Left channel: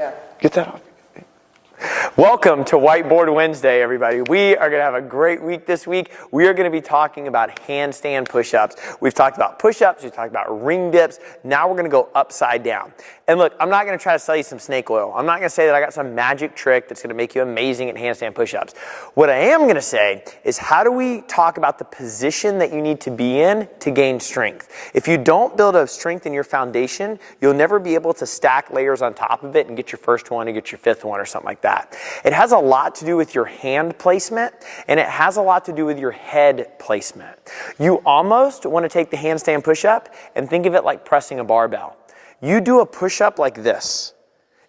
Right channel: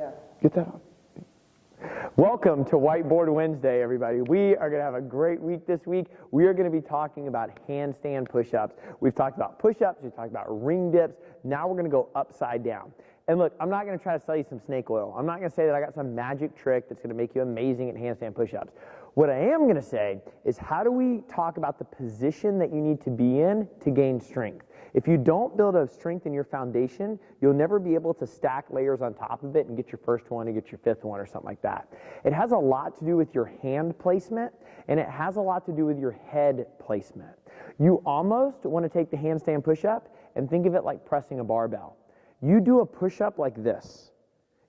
Yeah. Get that off. Welcome to Whiteboard Wednesday, everybody. We are going to have a great week this week. We are going to be talking about handstand push-ups. We've talked about push-ups, we've talked about ring dips. Now we're going to go upside down. And look, I'm not going to try to sell you some snake oil. I'm not going to say that I got some magic trick that's going to make you amazing at handstand push-ups. What I am going to say is, how do we talk about the position that you need to be in to gain strength? If you don't build a strength in your foundation, you'll never be able to stack layers on top of it and get your first one or get your fifth one or something like that. It has a lot to do with your hand placement, and it has a lot to do with your head placement. You almost want to take the handstand push-up and think of it like pressing a barbell. You do a push-up like this.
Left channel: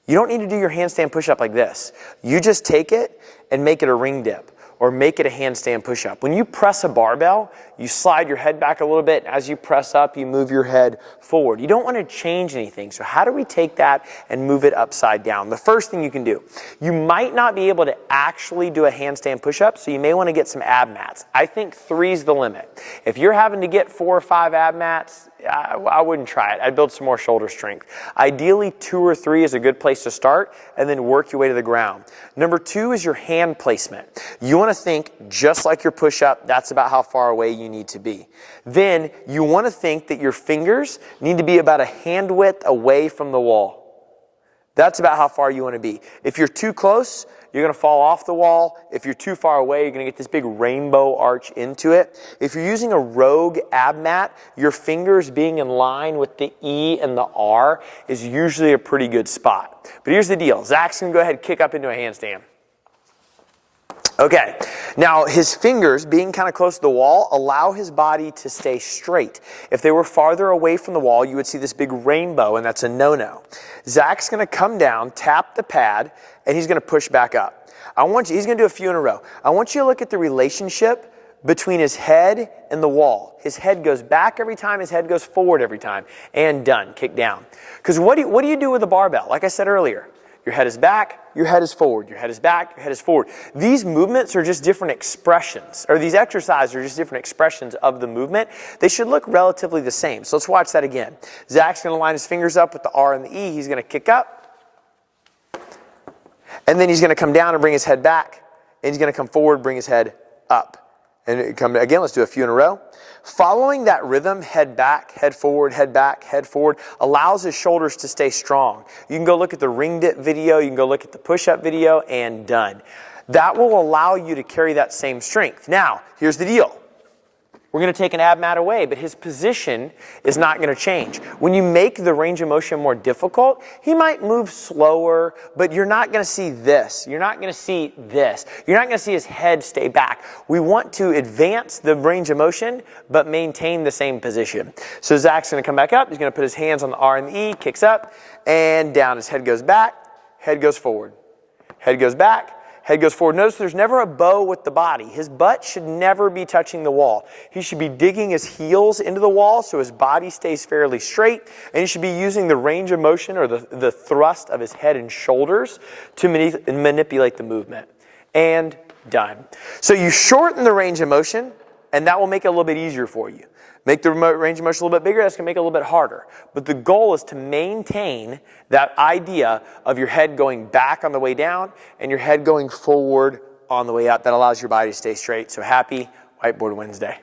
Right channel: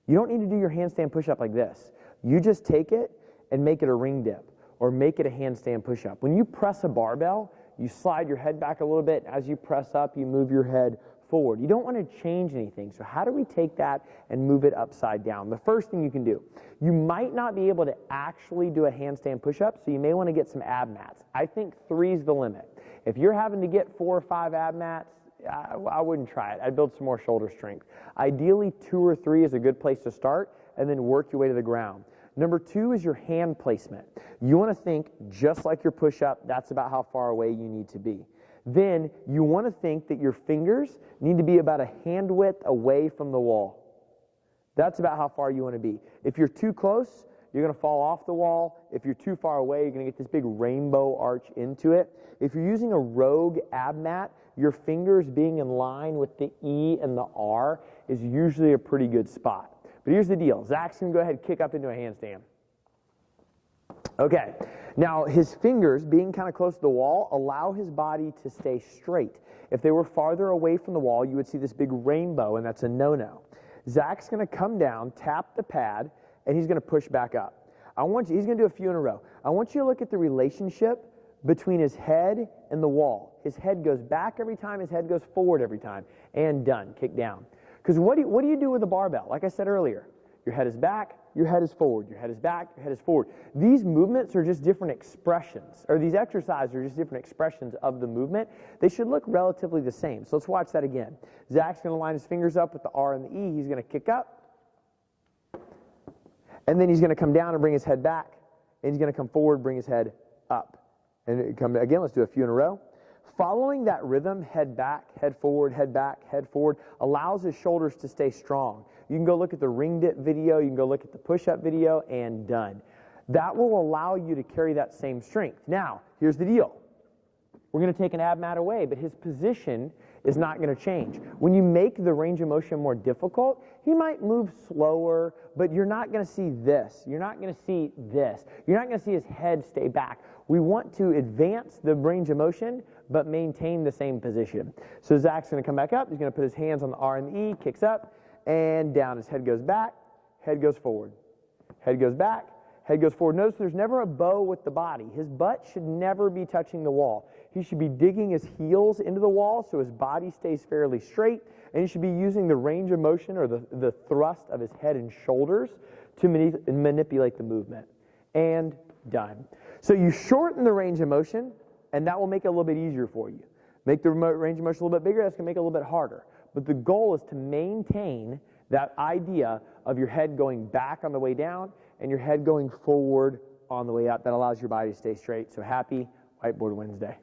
You don't need to do your handstand push-up like this. You just take it and make it a ring dip or make it a handstand push-up. When you press a barbell, you slide your head back a little bit. As you press up, you move your head forward. You don't want to change anything. So how do we take that and move it upside down? The first thing you can do, you might not be able to actually do a handstand push-up, so you may want to get some ab mats. I think 3 is the limit. If you're having to get 4 or 5 ab mats, I wouldn't try it. I'd build some more shoulder strength. Ideally, 2 or 3 is a good place to start, and then work your way to the ground. Number 2 is your hand placement. You want to think just like your push-up, that's about how far away you need to be. Then you want to think that your fingers need to be about a hand width away from the wall. That's about how far you want to be. If you're too close, you're going to fall off the wall. If you're too far away, you're going to get this big rainbow arch into it. If you're using a Rogue ab mat, your fingers being in line with the E and the R is usually a pretty good spot. But here's the deal. Zach's going to go ahead and kick up into a handstand. Okay, now his fingers being kind of close to the wall allow his body to stay straight. If they were farther away from the wall, you would see this big rainbow, and that's a no-no. Zach's going to come down, tap the pad, and he's going to push back up. He's going to do a few in a row. I want you to look at the relationship between his head and the wall. His head goes back every time, his head goes forward every time, and done, kick down. Because what do you do with a barbell? Like I said earlier, your head is back, your head is forward, your head is back, your head is forward. These movements are just different expressions, or these exercises are just different expressions of the movement. They should look relatively the same. So let's watch that again. Zach's going to line his fingers up with the R and the E. He's going to kick up, and then he's going to come down and bring his head back, and he's going to come forward, bring his head up. And come again, let's do a few in a row. Following that rhythm, head back, head forward, head back, head forward, allows his shoulders to stay strong. You can go look at the ring dip video, you can go look at the push-up video, and done. That will allow you to carry that same strength. Now, here's the deal. We're going to take an ab mat away, but his position is not going to change. When you make the range of motion more difficult, he might move slower, but you're not going to see this. You're not going to see this. You're not going to see his head stay back. We want to advance the range of motion, but maintain the same position. So Zach's going to come back up. He's going to put his hands on the R and the E, kicks up, and down. His head goes back, head goes forward. Head goes back, head goes forward. Notice there's never a bow with the body. His butt should never be touching the wall. He should be digging his heels into the wall so his body stays fairly straight, and he should be using the range of motion or the thrust of his head and shoulders to manipulate the movement. And done. So you shorten the range of motion, and that will make it a little bit easier for you. Make the range of motion a little bit bigger, that's going to make it a little bit harder. But the goal is to maintain that idea of your head going back on the way down and your head going forward on the way up. That allows your body to stay straight. So happy Whiteboard Wednesday.